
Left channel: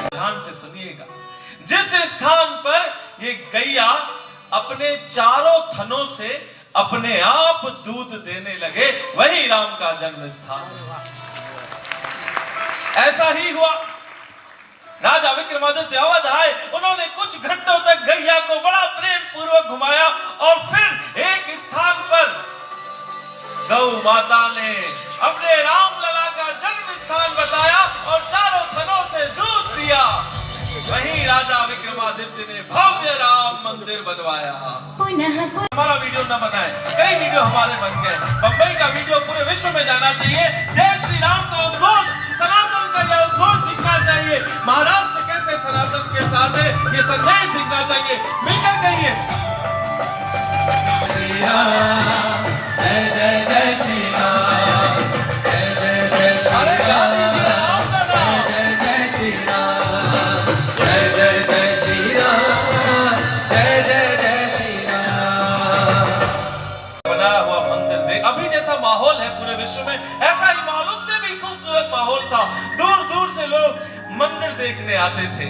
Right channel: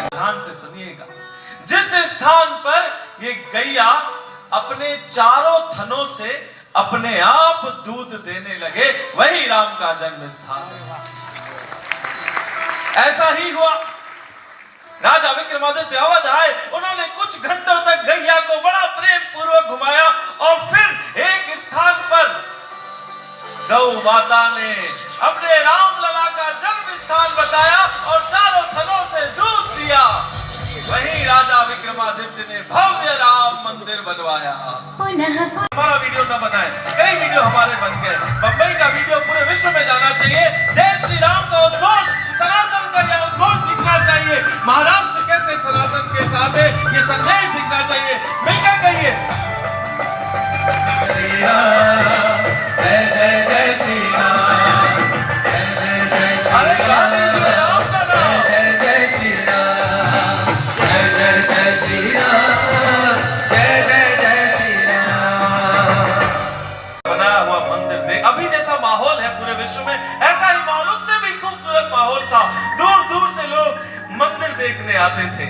ध्यान से सुनिएगा। जिस स्थान पर ये गैया अपने चारों थनों से अपने आप दूध देने लगे, वही राम का जन्म स्थान है। ऐसा ही हुआ। राजा विक्रमादित्य अवध आए, उन्होंने कुछ घंटों तक गैया को बड़ा प्रेम पूर्वक घुमाया और फिर एक स्थान पर गौ माता ने अपने राम लला का जन्म स्थान बताया और चारों थनों से दूध दिया। वहीं राजा विक्रमादित्य ने भव्य राम मंदिर बनवाया। हमारा वीडियो न बनाए, कई वीडियो हमारे बन गए। बंबई का वीडियो पूरे विश्व में जाना चाहिए। जय श्री राम का उद्घोष, सनातन का यह उद्घोष दिखना चाहिए। महाराष्ट्र कैसे कैसे सनातन के साथ है, ये संदेश दिखना चाहिए। मिलकर कहिए श्री राम, जय जय जय श्री राम, जय जय जय श्री अरे राम, राम का नाम जय जय श्री राम, जय जय जय श्री राम, जय जय जय श्री राम। बनाया हुआ मंदिर देख, अभी जैसा माहौल है पूरे विश्व में, ऐसा ही माहौल, उससे भी खूबसूरत माहौल था। दूर दूर से लोग मंदिर देखने आते थे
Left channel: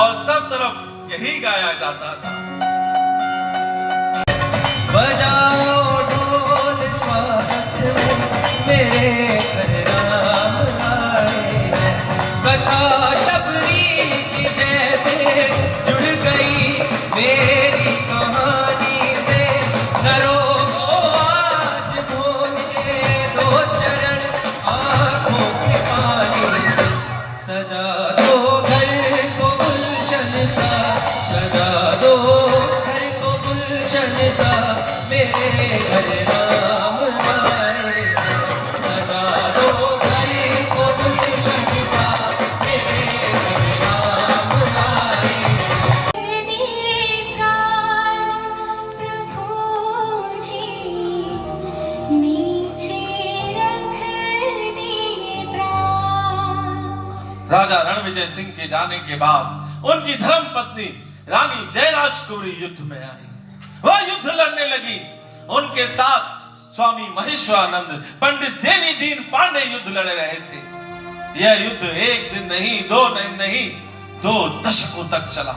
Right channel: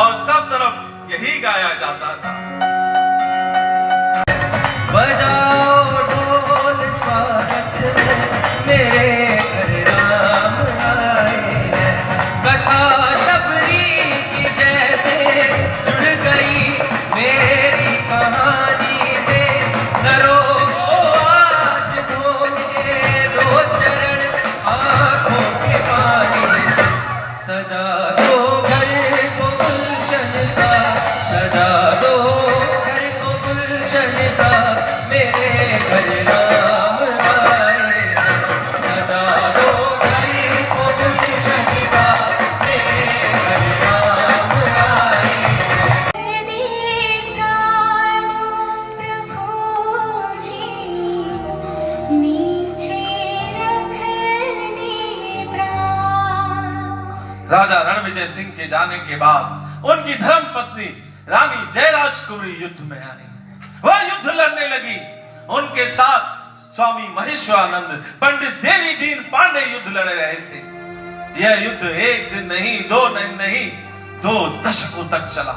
और सब तरफ यही गाया जाता था। बजाओ ढोल स्वागत मेरे घर राम आए हैं। कथा शबरी की जैसे जुड़ गई मेरी कहानी से। करो आज धोने दो चरण आंखों के पानी से। सजा दो घर को गुलशन सा, सजा दो घर को गुलशन सा, मेरे घर राम आए हैं। सजा दो घर को गुलशन सा, मेरे घर राम आए हैं। दे प्राण प्रभु जी, नीचे रख दे प्राण। राजा रणविजय सिंह के जाने के बाद उनकी धर्म पत्नी रानी जयराज कुंवरी युद्ध में आई। वह युद्ध लड़ने लगी। उनके साथ स्वामी महेश्वरानंद, पंडित देवी दीन पांडे युद्ध लड़ रहे थे। यह युद्ध एक दिन नहीं, 2 दिन नहीं, 2 दशकों तक चला।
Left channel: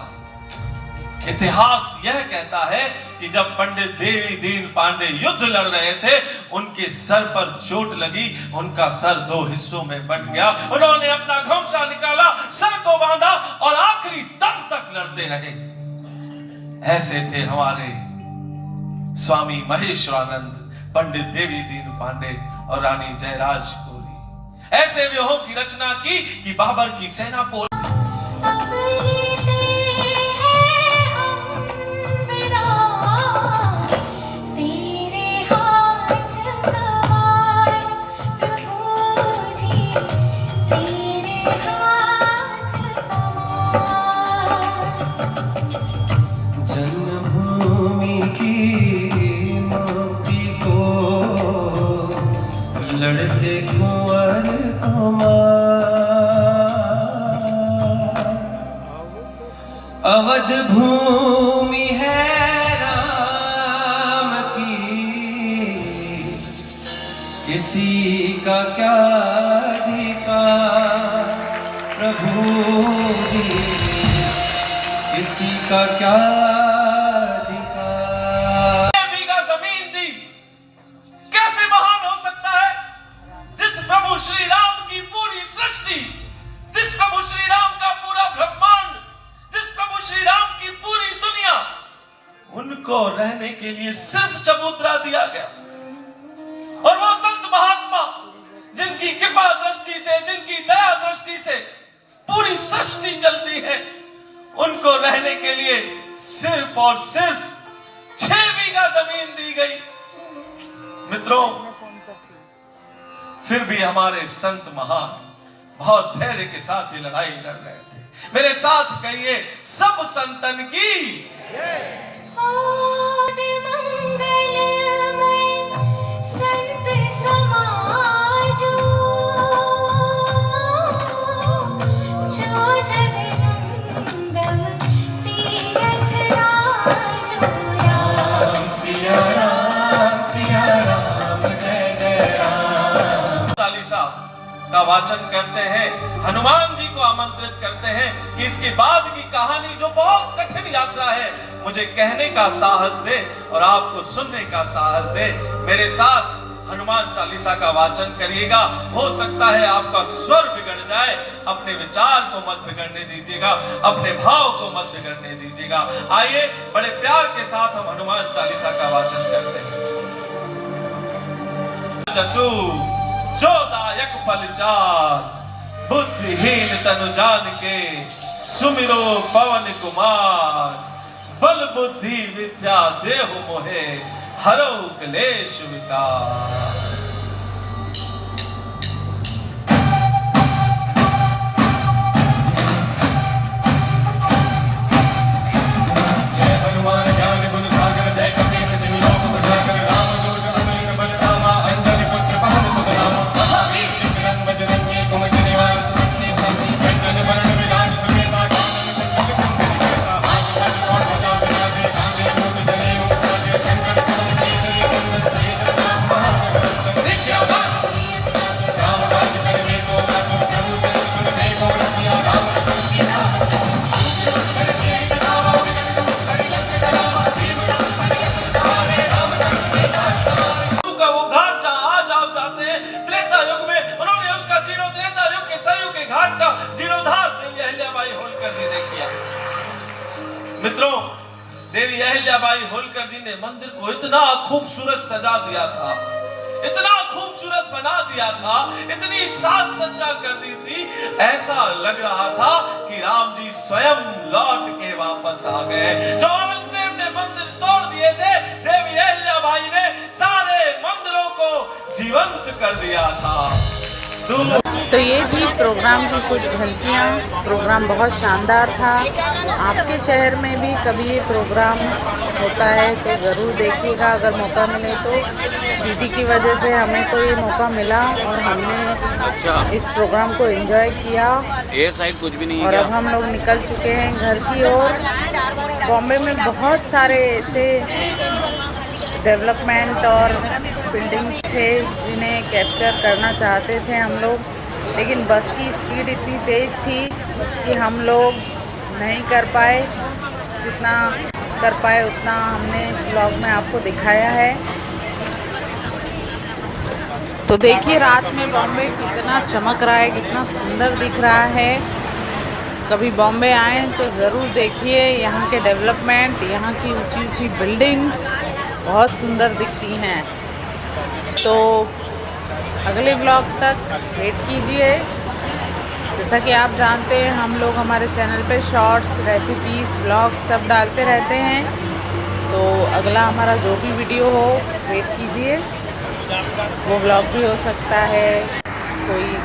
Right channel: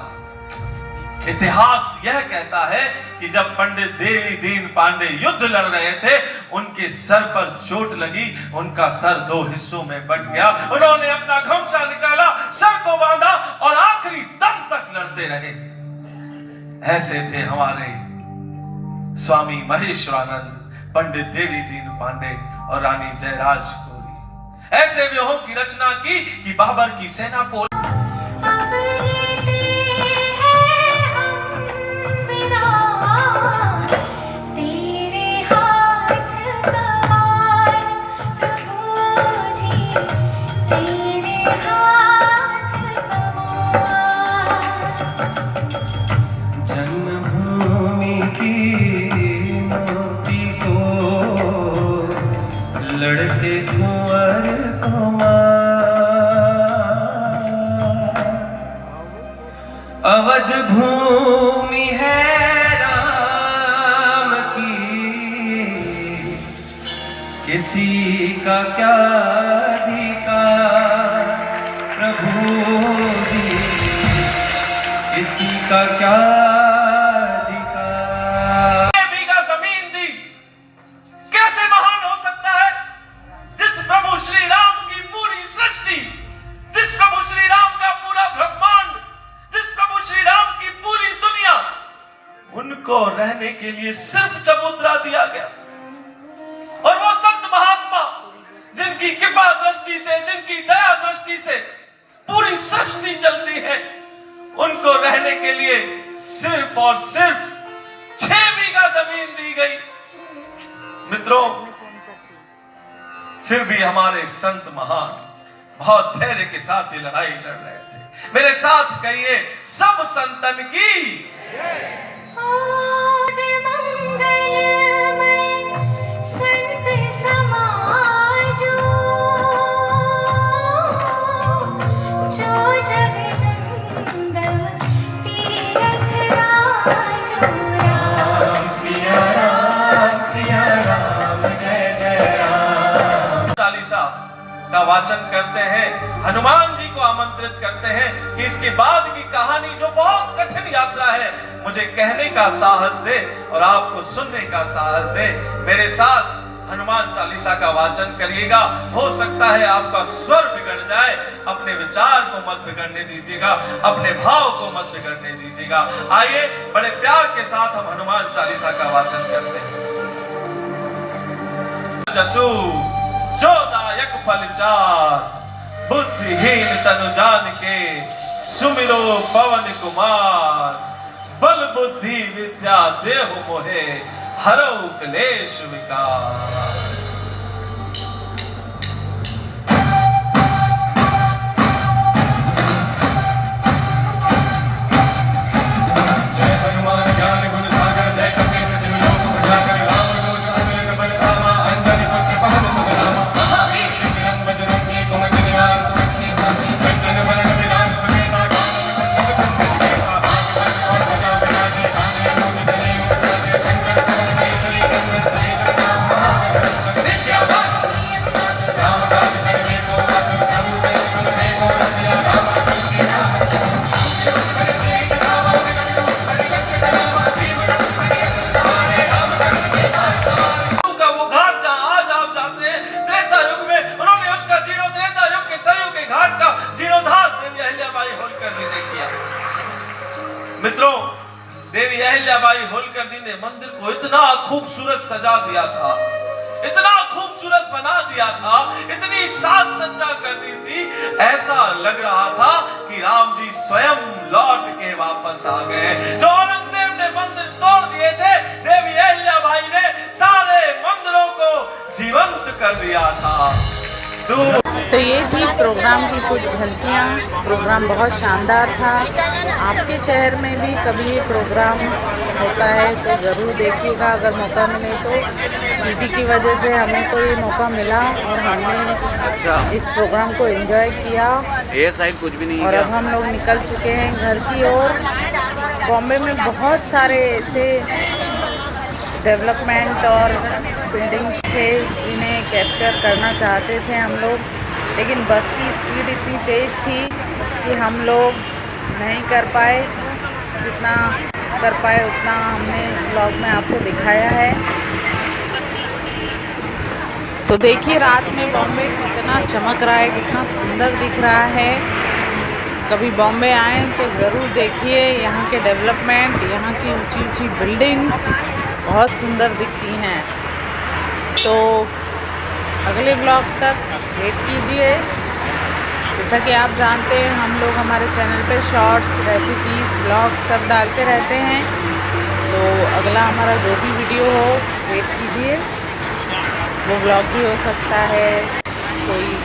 इतिहास यह कहता है कि जब पंडित देवी दीन पांडे युद्ध लड़ रहे थे, उनके सर पर चोट लगी, उनका सर 2 हिस्सों में बट गया। उन्होंने अपना घुमसा निकाला, सर को बांधा और आखिरी दम तक लड़ते रहे। ऐसे थे हमारे स्वामी महेश्वरानंद, पंडित देवी दीन पांडे और रानी जयराज कुंवरी। ऐसे व्यूहों की रचना की कि बाबर की सेना को अब लेते हैं हम विदा, तेरे हाथ तवार प्रभु जी, तेरे हाथ तवार। जन्मभूमि की मोती को लड़ते कुंवर कुमार। अवध भूमि है राम की, किसी का क्या अधिकार प्रभु जी, किसी का क्या अधिकार। बीघा जमीन दी। कैसे महान हो सकता है जिस प्रभु श्री राम की पूरी सृष्टि, जिस प्रभु श्री राम का पूरा ब्रह्मांड, जिस प्रभु श्री राम की पूरी दुनिया, उनको रहने के लिए सिर्फ चबूतरा दिया गया। और वो संत महात्मा जिनकी कृपा दृष्टि से, जिनकी दया दृष्टि से पूरी सृष्टि चलती है, उनको रहने के लिए सिर्फ और सिर्फ 6 बीघा जमीन दी गई। मित्रों, फिर भी हमारे संत महान बहुत धैर्य के साथ ये लड़ाई लड़ रहे थे। मेरे साथ कहिए, सब संतन की आदि मंगलमय संत समाज, जो जग जंगम तीरथ राजो। राम सिया राम, जय जय राम। चालीसा का वाचन करते हैं, हनुमान जी को आमंत्रित करते हैं कि इसके बाद की कहानी जो बहुत कठिन यात्रा है, मुझे कहने का साहस दे और आपको सुनने का साहस दे। मेरे साथ हनुमान चालीसा का वाचन करिएगा। हो सकता है आपका स्वर बिगड़ जाए, अपने विचार को मत बिगड़ने दीजिएगा, अपने भाव को मत बिगड़ने दीजिएगा। आइए बड़े प्यार के साथ हम हनुमान चालीसा का वाचन करते हैं। जसु जोदायक फल चार, बुद्धिहीन तनु जान के, सुमिरो पवन कुमार। बल बुद्धि विद्या देहु मोहे, हरौ क्लेश विकार। अहिल्याबाई होलकर जी ने मंदिर को इतना खूबसूरत सजा दिया था, इतना खूबसूरत बना दिया था, इतनी साज सज्जा कर दी थी, ऐसा लग रहा था कि राम जी स्वयं लौट के वापस आ गए। जो औरंगजेब ने मंदिर तोड़ दिए थे, देवी अहिल्याबाई ने सारे मंदिरों को जीवंत कर दिया था। तो ये थी प्रोग्राम की कुछ झलकियाँ। प्रोग्राम बहुत शानदार था। आपके शहर में भी कभी ये प्रोग्राम होता है तो ज़रूर देखिएगा अगर मौका मिले तो। पीटी की वजह से हमें तो ये मौका मिला और हमने अच्छा इस प्रोग्राम को एंजॉय किया। ये साइड कुछ भी नहीं और है अब हम लोग निकल चुके हैं घर की ओर। बॉम्बे में बहुत सारे ऐसे डेवलपमेंट और बिल्डिंग्स थे जिन्हें कैप्चर करना चाहते थे हम लोग, लेकिन बस की स्पीड इतनी तेज़ थी कि हम लोग नहीं कर पाए। जितना कर पाए उतना हमने इस ब्लॉग में आपको दिखाया है। तो देखिए रात में बॉम्बे कितना चमक रहा है, कितना सुंदर दिख रहा है। कभी बॉम्बे आए तो ज़रूर देखिए यहाँ के डेवलपमेंट, यहाँ की ऊंची ऊंची बिल्डिंग्स बहुत सुंदर दिखती हैं। तो अगले ब्लॉग तक वेट कीजिए। जैसा कि आप जानते हैं हम लोग हमारे चैनल पे शॉर्ट्स, रेसिपीज़, ब्लॉग्स सब डालते रहते हैं। तो अगला हमारा जो भी वीडियो हो वेट कीजिए। वो ब्लॉग भी हो सकता है, कोई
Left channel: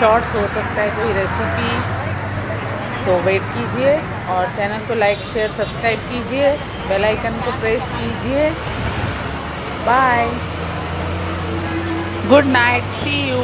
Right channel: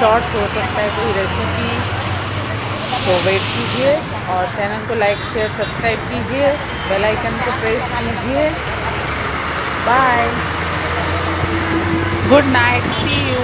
शॉर्ट्स हो सकता है, कोई रेसिपी। तो वेट कीजिए और चैनल को लाइक, शेयर, सब्सक्राइब कीजिए, बेल आइकन को प्रेस कीजिए। Bye, good night, see you.